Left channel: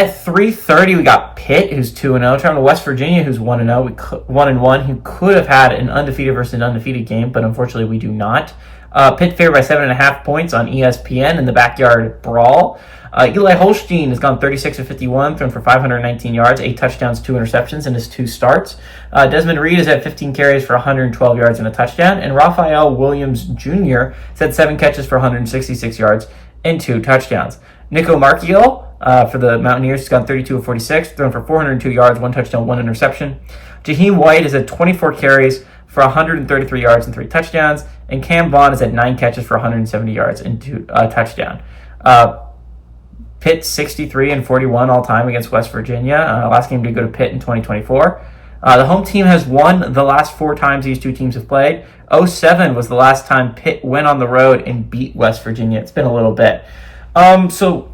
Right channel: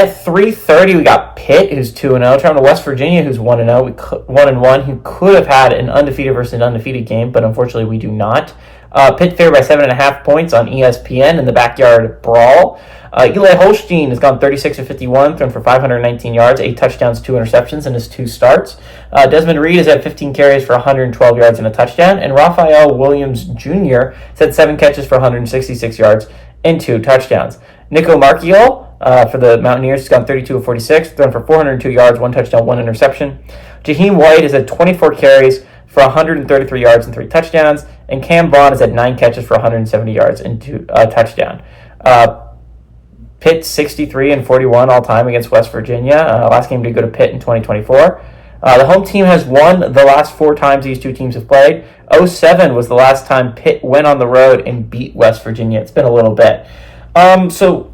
At 3:30, we got Pitt, who's 2-0. Traveling to West Virginia, who's 1-0. 1-1, who could have had an undefeated versus an undefeated game, but unfortunately we do not. Pitt favored by 7.5 points on ESPN in the backyard brawl. Eli Holstein has gone 36-51, thrown for 519 yards, 8 touchdowns, 2 interceptions in his 2 starts. Desmond Reed has had 15 carries for 112 yards and a touchdown, and Raphael Williams Jr. has had 7 catches for 166 yards and 2 touchdowns. Nico Marchiol for the Mountaineers has gone 32-46, thrown for 402 yards, 1 touchdown, 1 interception. Jaheim White has had 24 carries for 133 yards and 3 touchdowns, and Cam Vaughn has had 9 catches for 170 yards and 2 touchdown. Pitt 63-41 all time against West Virginia. Last game did go to Pitt in 2024. The home team has won the last 4 times these two teams have played. 2007 was the last time Pitt went on the road and beat West Virginia. It's been a little bit. So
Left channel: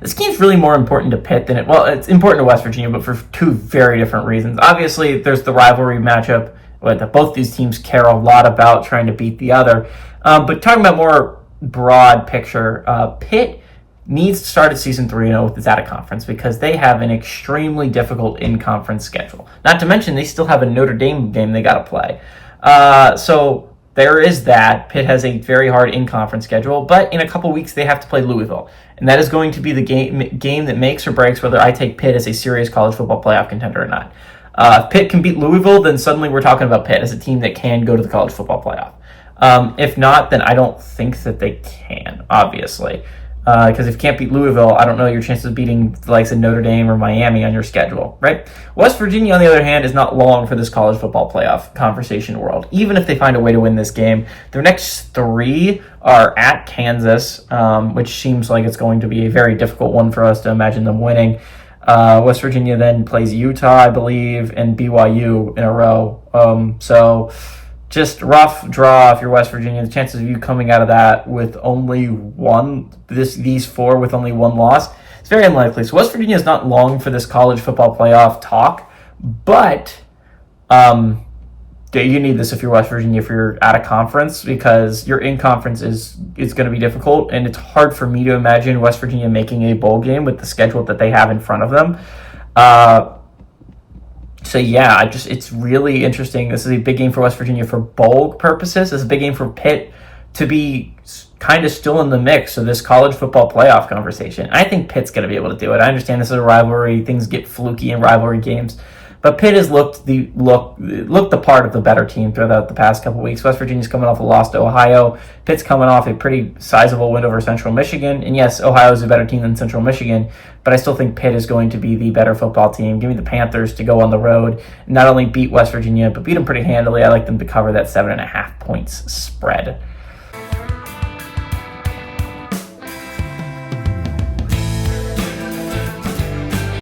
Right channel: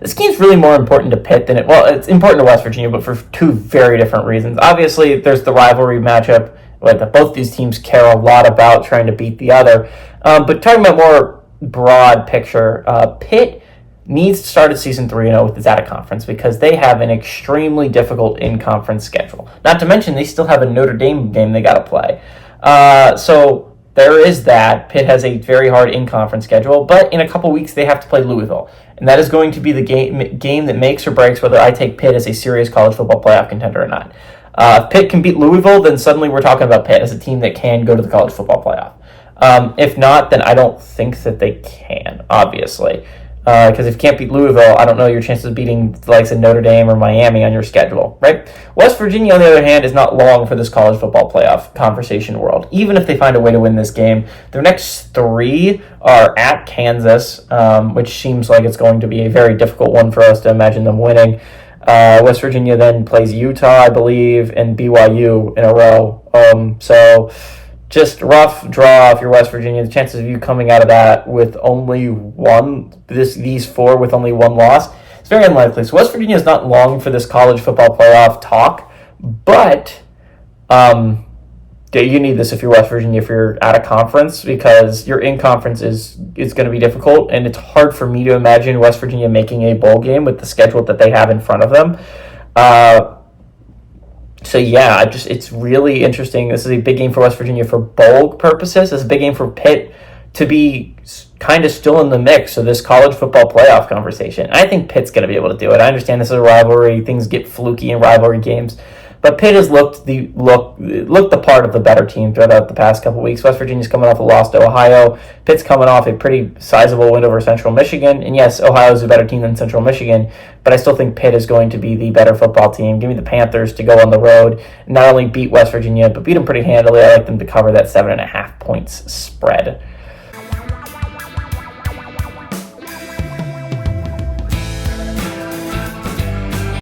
this game's really more important to Pitt than it's important to West Virginia, but for 2 very different reasons. Obviously, there's the rivalry matchup that both these teams care a lot about trying to beat the other. But talking about more broad picture, Pitt needs to start at season 3-0 with this out-of-conference because they have an extremely difficult in-conference schedule. Not to mention, they still have a Notre Dame game they got to play. So there is that. Pitt has a very hard in-conference schedule, but in a couple weeks they have to play Louisville. And that is going to be the game that makes or breaks whether I take Pitt as a serious college football playoff contender or not. If Pitt can beat Louisville, then suddenly we're talking about Pitt as a team that can go to the college football playoff. If not, then I don't think that they can, obviously. Because if you can't beat Louisville, I don't know your chances of beating the likes of Notre Dame or Miami on your schedule, right? West Virginia, on the other hand, is not long for this college football playoff conversation world. Even if they find a way to win this game, their next 3 are at Kansas, which seems like it's going to be a very difficult one for us to imagine them winning. West Virginia then plays Utah, I believe, and BYU in a row. So just rough draw if you're West Virginia. The chances of you coming out of that with only these 4 with only 1 loss, it's very unlikely. So West Virginia is not long for this college football playoff talk, but you need this if you're West Virginia, if you're out of conference, because your in-conference is going to be difficult, and it's hard for me to imagine West Virginia making a bowl game with the schedule that they have in front of them. So yeah, it's really interesting. This is a big game for West Virginia for bowl purposes. This is a big game for Pitt to be kind of still in the mix of this college football playoff conversation. I think Pitt's going to be able to do it. I understand this is a rivalry. Things get fluky in rivalry games. But Pitt has looked the part of the better team throughout the past couple weeks. West Virginia's coming off a loss to Ohio. Pitt's coming off a pretty sizable win over Central Michigan. And yes, Ohio's a better team than Central Michigan, but I still think Pitt is going to be the better football team. Give me the Panthers to go on the road and not only beat West Virginia, but beat them pretty handily. I like them to cover that 7.5 points spread.